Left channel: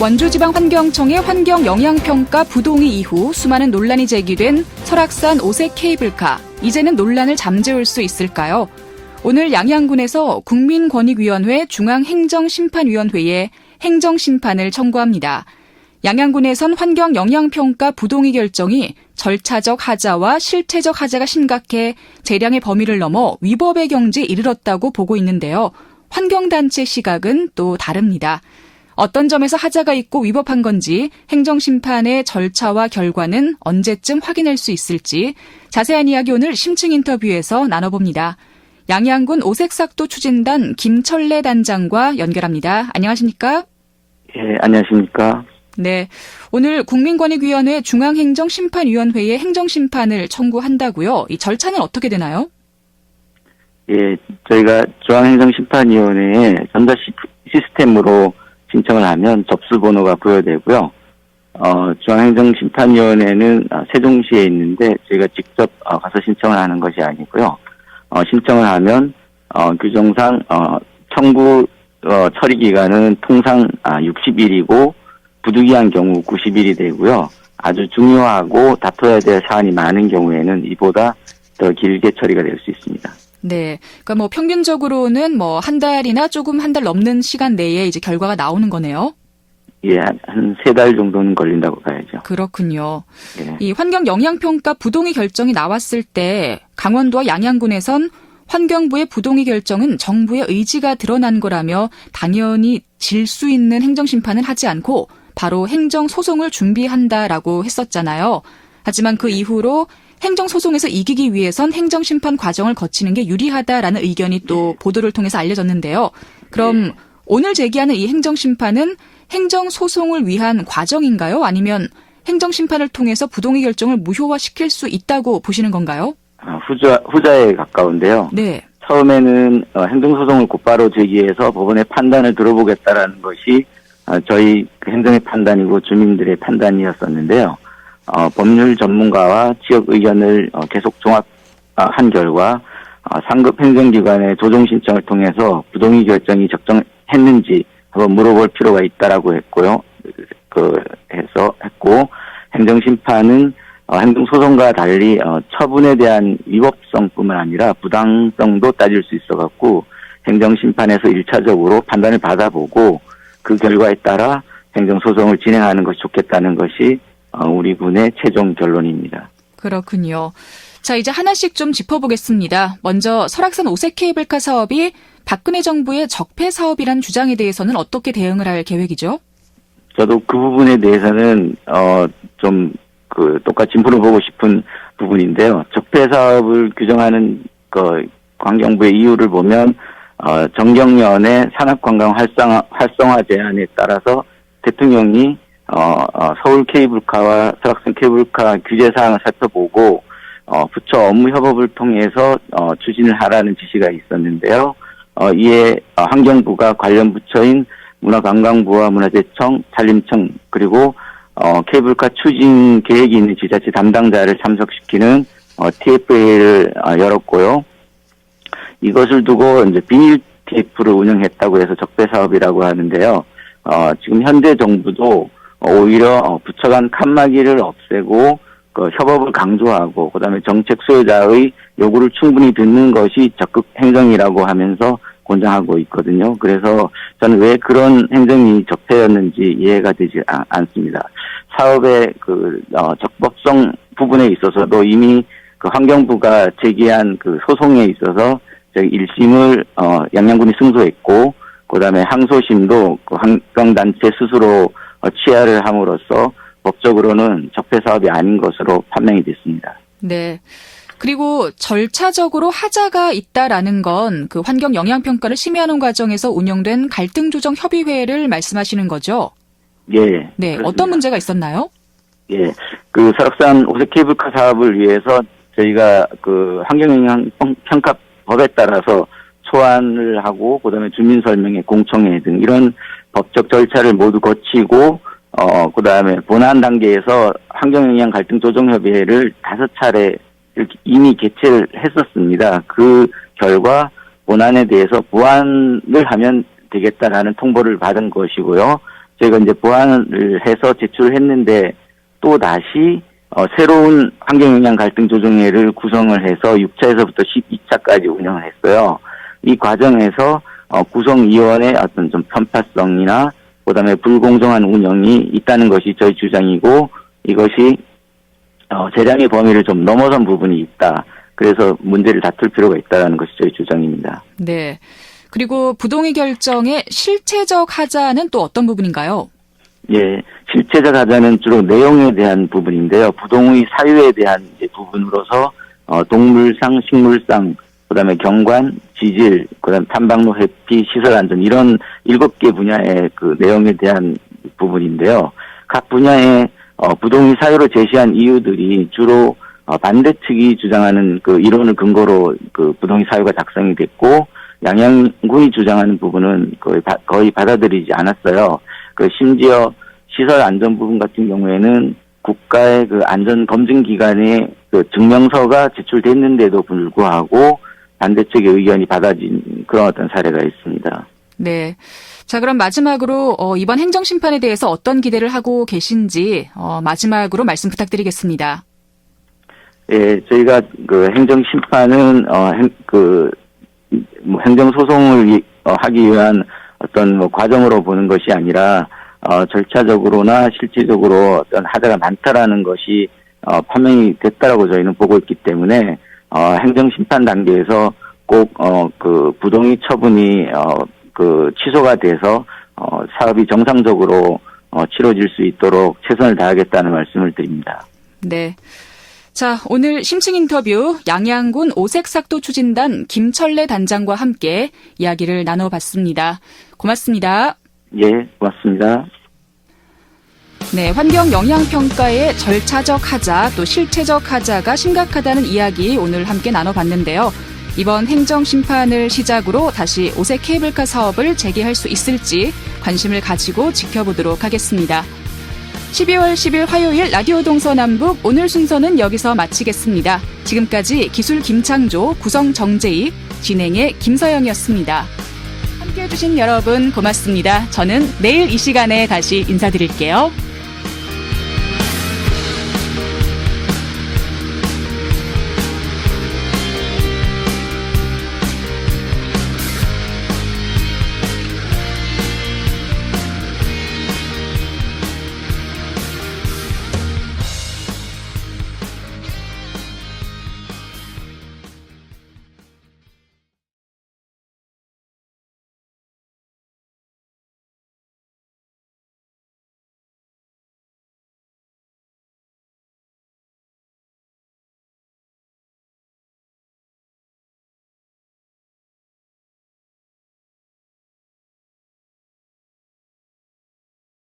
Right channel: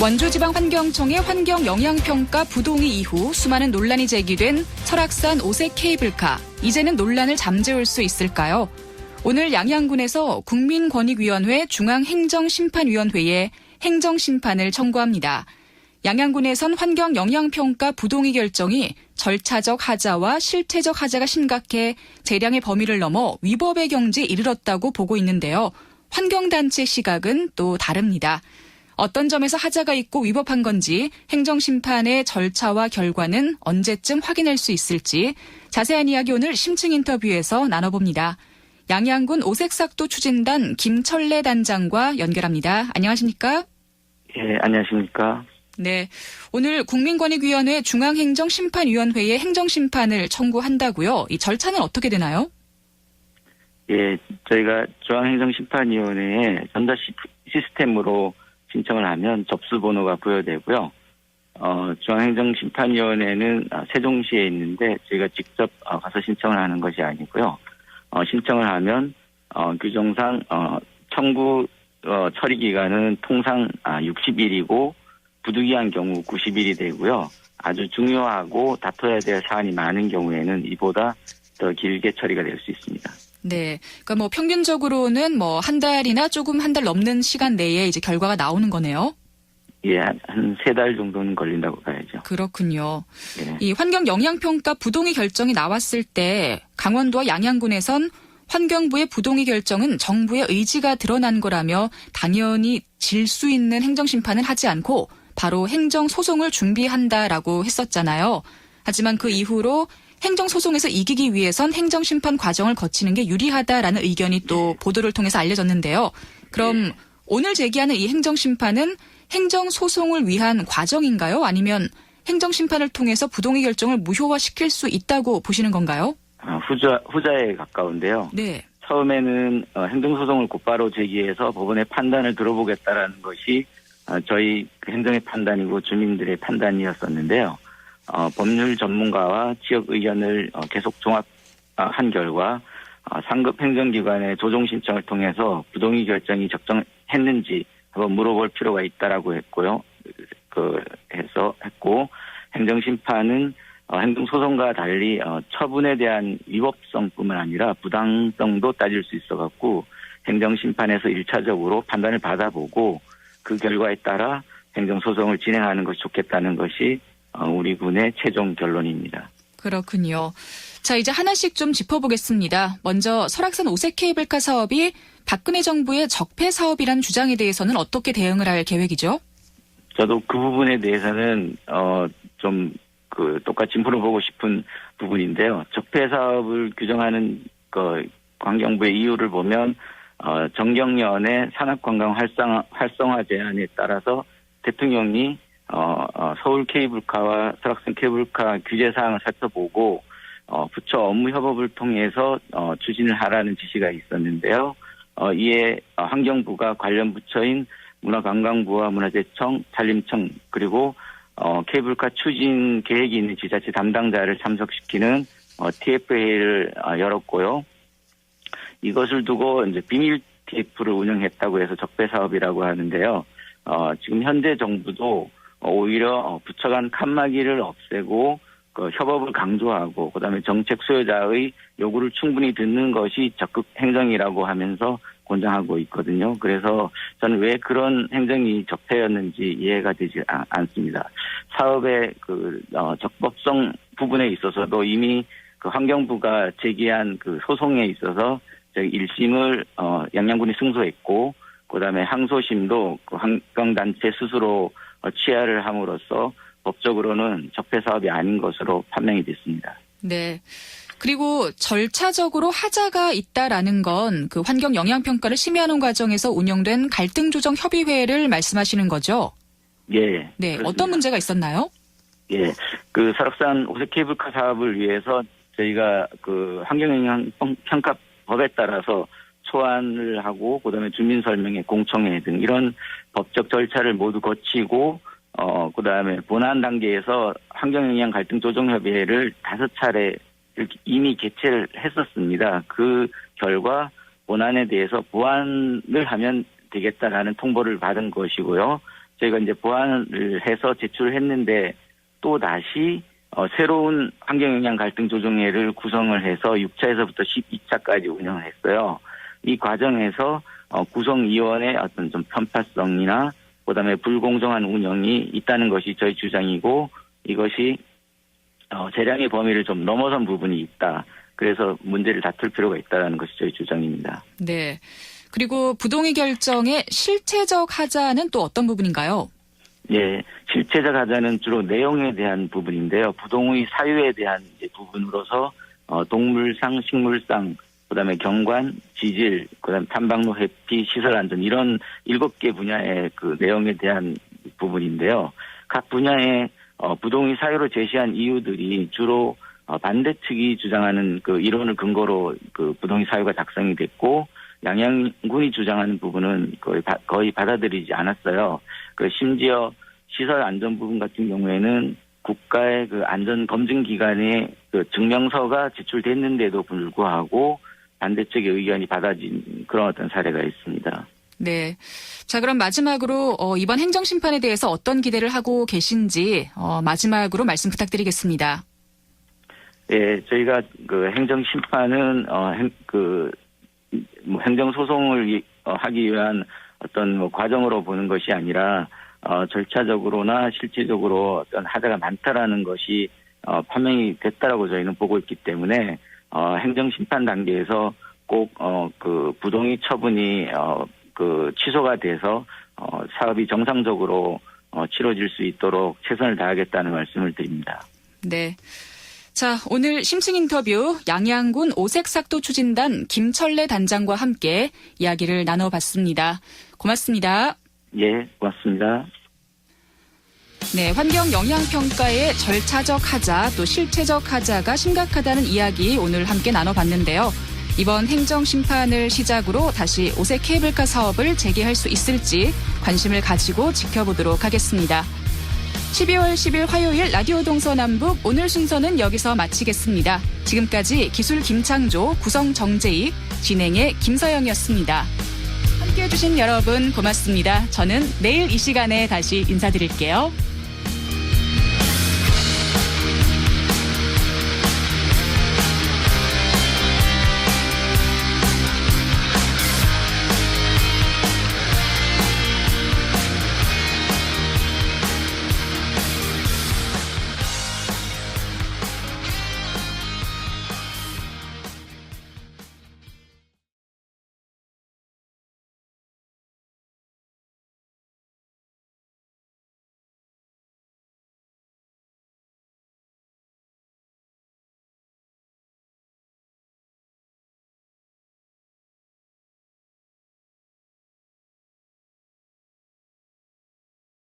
원주지방환경청의 환경영향평가 부동의 이후 수많은 논란이 제기된 설악산 오색 케이블카. 이제는 논란을 잠재울 수 있을까요? 오늘 양양군에서 국민권익위원회 중앙행정심판위원회에 행정심판을 청구합니다. 양양군에선 환경영향평가 부동의 결정이 절차적 하자와 실체적 하자가 심각해 재량의 범위를 넘어 위법의 경지에 이르렀다고 보고 있는데요. 환경단체 시각은 또 다릅니다. 어떤 점에서 하자가 있고 위법한 건지 행정심판의 절차와 결과는 언제쯤 확인할 수 있을지 자세한 이야기 오늘 심층 인터뷰에서 나눠봅니다. 양양군 오색삭도 추진단 김철래 단장과 연결합니다. 안녕하십니까? 예, 안녕하십니까? 네, 오늘 국민권익위원회 중앙행정심판위원회에 행정심판을 청구한다고요. 이 절차는 어떻게 되나요? 예, 저희가 중앙행정심판위원회에 전자 시스템으로 신청을 하면 접수번호가 부여되고요. 중앙행정심판위원회는 세종시에 있는데 저희가 직접 가서 신청을 하는 것이 아니고요. 신청을 하면 규정상 청구 처리 기간은 통상 60일이고 부득이한 경우 90일이 되고요. 아주 중요하고 다퉈야 될 사안이 많은 경우에는 이보다 더 길게 처리가 될 수 있습니다. 네. 그러니까 평균적으로는 한 달이나 조금 한 달 넘는 시간 내에 이제 결과가 나오는 거네요. 예, 한 3달 정도는 걸린다고 봐야죠. 그렇군요. 예. 이 환경영향평가 부동의 결정이 나왔을 때 강원도와 양양군에선 환경부의 부동의 결정은 정부의 의지가 드러난 거라며 당연히 질 수 있는 행정심판은 하지 않고 바로 행정소송을 준비한다라고 했었잖아요. 하지만 그 이후로 행정소송에서 이기기 위해선 행정심판 과정을 거치는 게 유리하다라는 의견이 또 보도를 통해서 알려졌는데요. 그럼 오늘 제기하는 이 행정심판은 행정소송을 위한 과정인가요? 아니면 행정심판을 통해서 부동의 결정을 무효화시킬 수 있다고 보시는 건가요? 후자에 가까운데요. 네. 처음에는 행정소송을 곧바로 제기해서 법원의 판단을 들어보겠다라는 것이 저희 행정의 판단이고 주민들의 판단이었었는데요. 법률 전문가와 지역 의견을 계속 종합한 결과 상급 행정기관의 조정 신청을 통해서 부동의 결정이 적정했는지 한번 물어볼 필요가 있다라고 했고요. 했고 행정심판은 행정소송과 달리 처분에 대한 위법성뿐만 아니라 부당성도 따질 수 있어갖고 행정심판에서 1차적으로 판단을 받아보고 그 결과에 따라 행정소송을 진행하는 것이 좋겠다는 것이 우리 군의 최종 결론입니다. 그렇군요. 자, 이제 하나씩 좀 짚어보겠습니다. 먼저 설악산 오색 케이블카 사업이 박근혜 정부의 적폐 사업이란 주장에 대해서는 어떻게 대응을 할 계획이죠? 저도 그 부분에 대해서는 똑같이 물어보고 싶은 부분인데요. 적폐 사업을 규정하는 환경부의 이유를 보면 정경련의 산업관광 활성화 제안에 따라서 대통령이 서울 케이블카와 설악산 케이블카 규제 사항을 살펴보고 부처 업무 협업을 통해서 추진을 하라는 지시가 있었는데요. 이에 환경부가 관련 부처인 문화관광부와 문화재청, 산림청 그리고 케이블카 추진 계획이 있는 지자체 담당자를 참석시키는 TFA를 열었고요. 이것을 두고 이제 비밀 TF를 운영했다고 해서 적폐 사업이라고 하는데요. 지금 현재 정부도 오히려 부처 간 칸막이를 없애고 협업을 강조하고 그다음에 정책 수요자의 요구를 충분히 듣는 것이 적극 행정이라고 하면서 권장하고 있거든요. 그래서 저는 왜 그런 행정이 적폐였는지 이해가 되지 않습니다. 사업의 적법성 부분에 있어서도 이미 환경부가 제기한 소송에 있어서 저희 1심을 양양군이 승소했고 그다음에 항소심도 환경단체 스스로 취하를 함으로써 법적으로는 적폐 사업이 아닌 것으로 판명이 됐습니다. 네. 그리고 절차적으로 하자가 있다라는 건 환경 영향평가를 심의하는 과정에서 운영된 갈등조정협의회를 말씀하시는 거죠? 예. 네. 그렇습니다. 어떤 문제가 있었나요? 예. 설악산 오색 케이블카 사업을 위해서 저희가 환경영향평가법에 따라서 소환을 하고 그다음에 주민설명회, 공청회 등 이런 법적 절차를 모두 거치고 그다음에 본안 단계에서 환경영향 갈등조정협의회를 5차례 이미 개최를 했었습니다. 그 결과 본안에 대해서 보완을 하면 되겠다라는 통보를 받은 것이고요. 저희가 이제 보완을 해서 제출을 했는데 또 다시 새로운 환경영향 갈등 조정회를 구성을 해서 6차에서부터 12차까지 운영을 했어요. 이 과정에서 구성위원회 어떤 좀 편파성이나 그다음에 불공정한 운영이 있다는 것이 저희 주장이고 이것이 재량의 범위를 좀 넘어선 부분이 있다. 그래서 문제를 다툴 필요가 있다는 것이 저희 주장입니다. 네. 그리고 부동의 결정의 실체적 하자는 또 어떤 부분인가요? 예, 실체적 하자는 주로 내용에 대한 부분인데요. 부동의 사유에 대한 이제 부분으로서 동물상, 식물상, 그다음에 경관, 지질, 그다음 탐방로 회피, 시설 안전 이런 7개 분야의 그 내용에 대한 부분인데요. 각 분야의 부동의 사유로 제시한 이유들이 주로 반대 측이 주장하는 그 이론을 근거로 그 부동의 사유가 작성이 됐고 양양군이 주장하는 부분은 거의 받아들이지 않았어요. 그 심지어 시설 안전 부분 같은 경우에는 국가의 그 안전 검증 기관에 그 증명서가 제출됐는데도 불구하고 반대 측의 의견이 받아진 그런 어떤 사례가 있습니다. 네. 자, 그럼 마지막으로 이번 행정심판에 대해서 어떤 기대를 하고 계신지 마지막으로 말씀 부탁드리겠습니다. 예, 저희가 그 행정심판은 행정소송을 하기 위한 어떤 과정으로 보는 것이 아니라 절차적으로나 실질적으로 어떤 하자가 많다라는 것이 판명이 됐다라고 저희는 보고 있기 때문에 행정심판 단계에서 꼭 그 부동의 처분이 그 취소가 돼서 사업이 정상적으로 치러질 수 있도록 최선을 다하겠다는 말씀을 드립니다. 네. 자, 오늘 심층 인터뷰 양양군 오색삭도 추진단 김철래 단장과 함께 이야기를 나눠봤습니다. 고맙습니다. 예, 고맙습니다. 네, 환경 영향평가의 절차적 하자 또 실체적 하자가 심각하다는 이야기 오늘 함께 나눠봤는데요. 이번 행정심판을 시작으로 다시 오색 케이블카 사업을 재개할 수 있을지 관심을 가지고 지켜보도록 하겠습니다. 12월 10일 화요일 라디오 동서남북 오늘 순서는 여기서 마치겠습니다. 지금까지 기술 김창조, 구성 정재익, 진행의 김서영이었습니다. 함께해 주신 여러분 고맙습니다. 저는 내일 이 시간에 다시 인사드릴게요.